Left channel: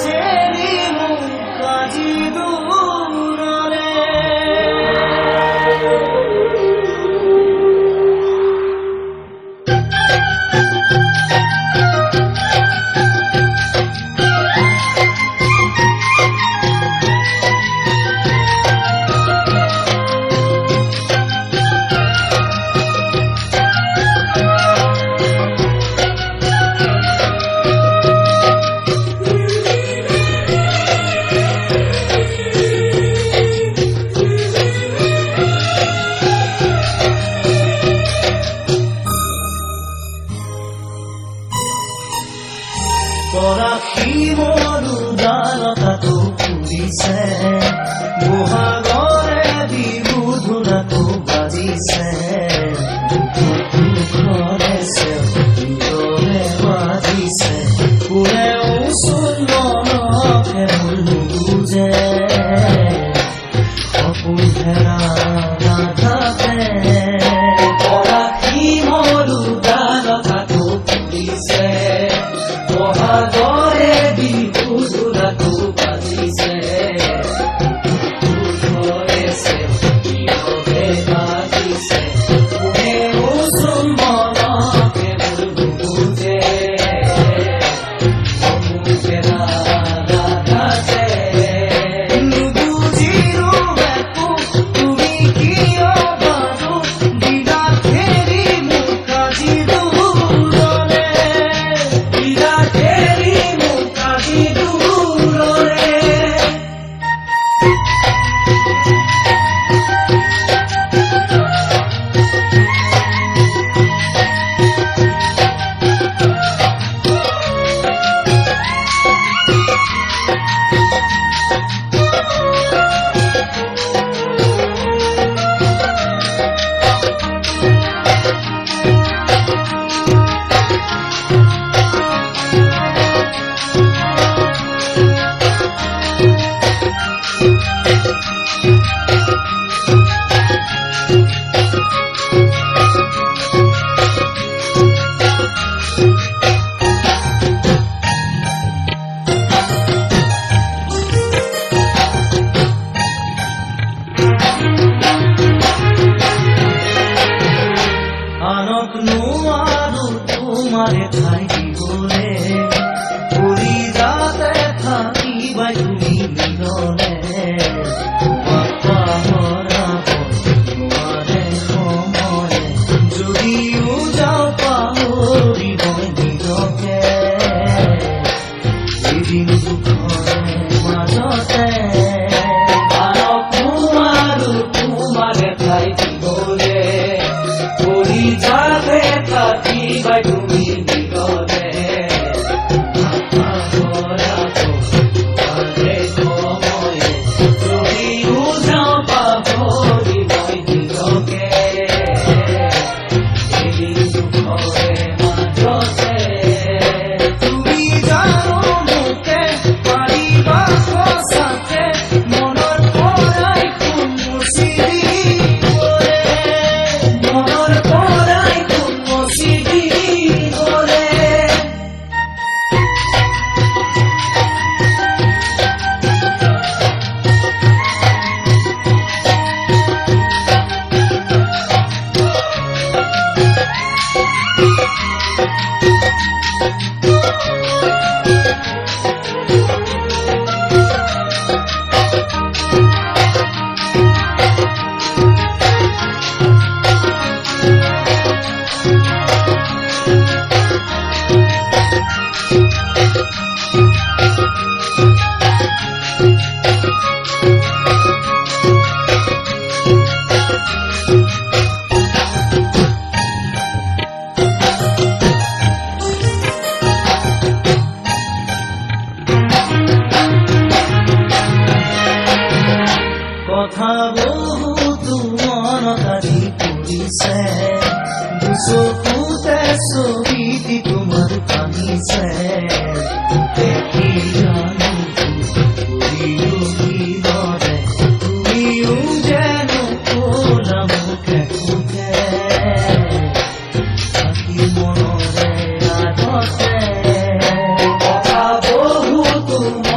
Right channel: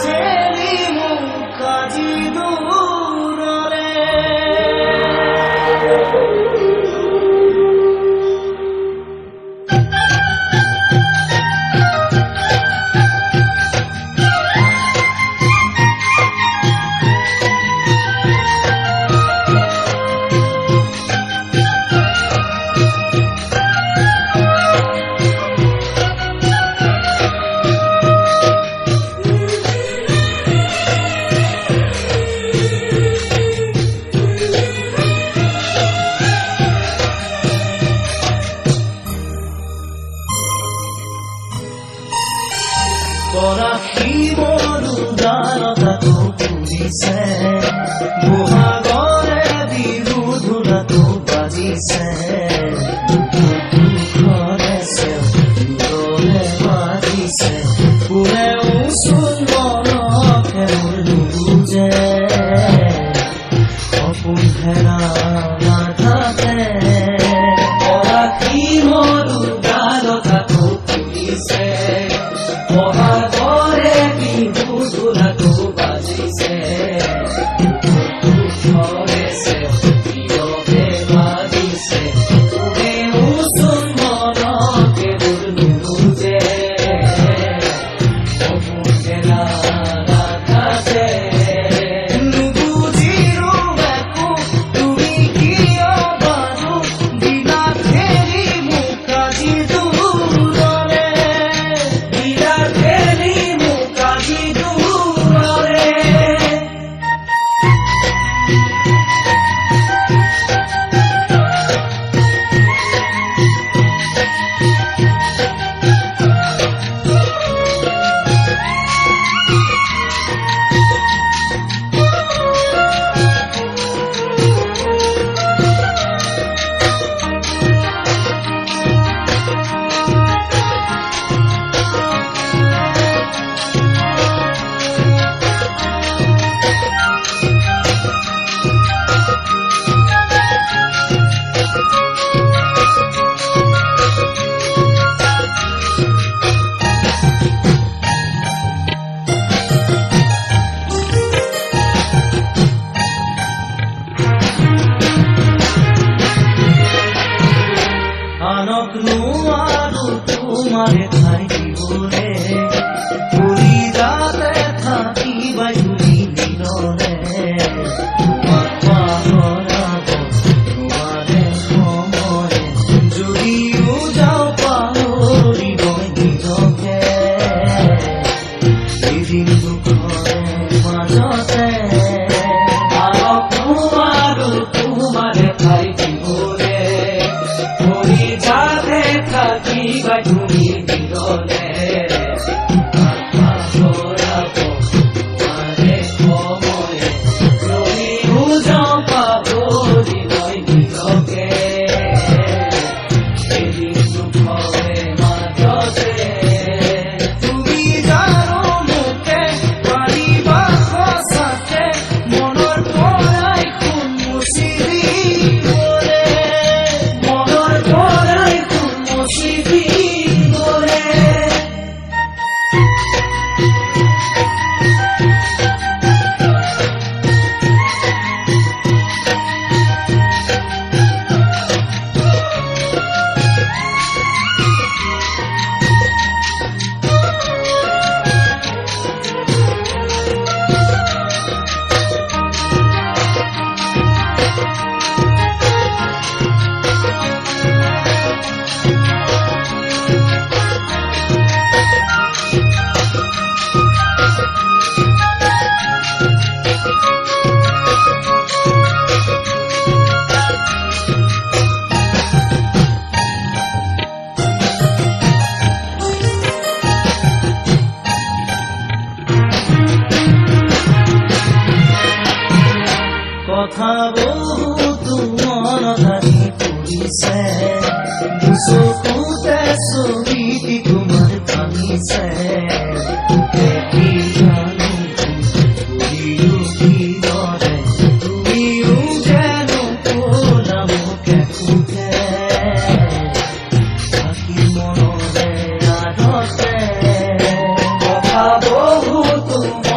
ঠেলি মোক আজি দূৰলে পৰাশী মোৰ উদাৰতাটো ফুলিছে বহাগৰে বিহু ধুনাটো বাজিছে দুখৰে চেউৰে বাজিছে কোনেও চোন মনকে মোৰ নুবুজে সপোন হেৰা নাথাকে পৰাশী মোৰ উদাৰতাটো ফুলিছে বহাগৰে বিহু ধুনাটো বাজিছে দুখৰে চেউৰে বাজিছে কোনেও চোন মনকে মোৰ নুবুজে সপোন হেৰা নাথাকে নুবুজিৰো একো তুমি কিয় বাৰু দিলা ঠেলি মোক আজি দূৰলে দিলা ঠেলি মোক আজি দূৰলে আনক নোৱাৰো তোমাৰে ঠাই দিবলে কৰি যাতে থাকিবাই তুমি মিলনে তোমাক পাহৰাব নোৱাৰে সময়ে যদিও যাওঁ পাহৰিব নিজকে এদিন দুখৰে মাজতে আনক নোৱাৰো তোমাৰে ঠাই দিবলে কৰি যাতে থাকিবাই তুমি মিলনে পাহৰাব নোৱাৰে সময়ে যদিও যাওঁ পাহৰিব নিজকে এদিন দুখৰে মাজতে তুমি জানো মোকে পাৰিবা সঁচাকে মনৰ পৰাই খুন মুচি দিবলে মনৰ পৰাই খুন মুচি দিবলে কথা বহুতো মনত আহি পৰিছে দুচকুতে ছবিটি তোমাৰ ভাঙিছে দেখি জানো কৰিলো কিদৰে তুমিও যেনো ক'লা মোকে সুখে থাকি মনৰে আদতে কথা বহুত তোমাৰ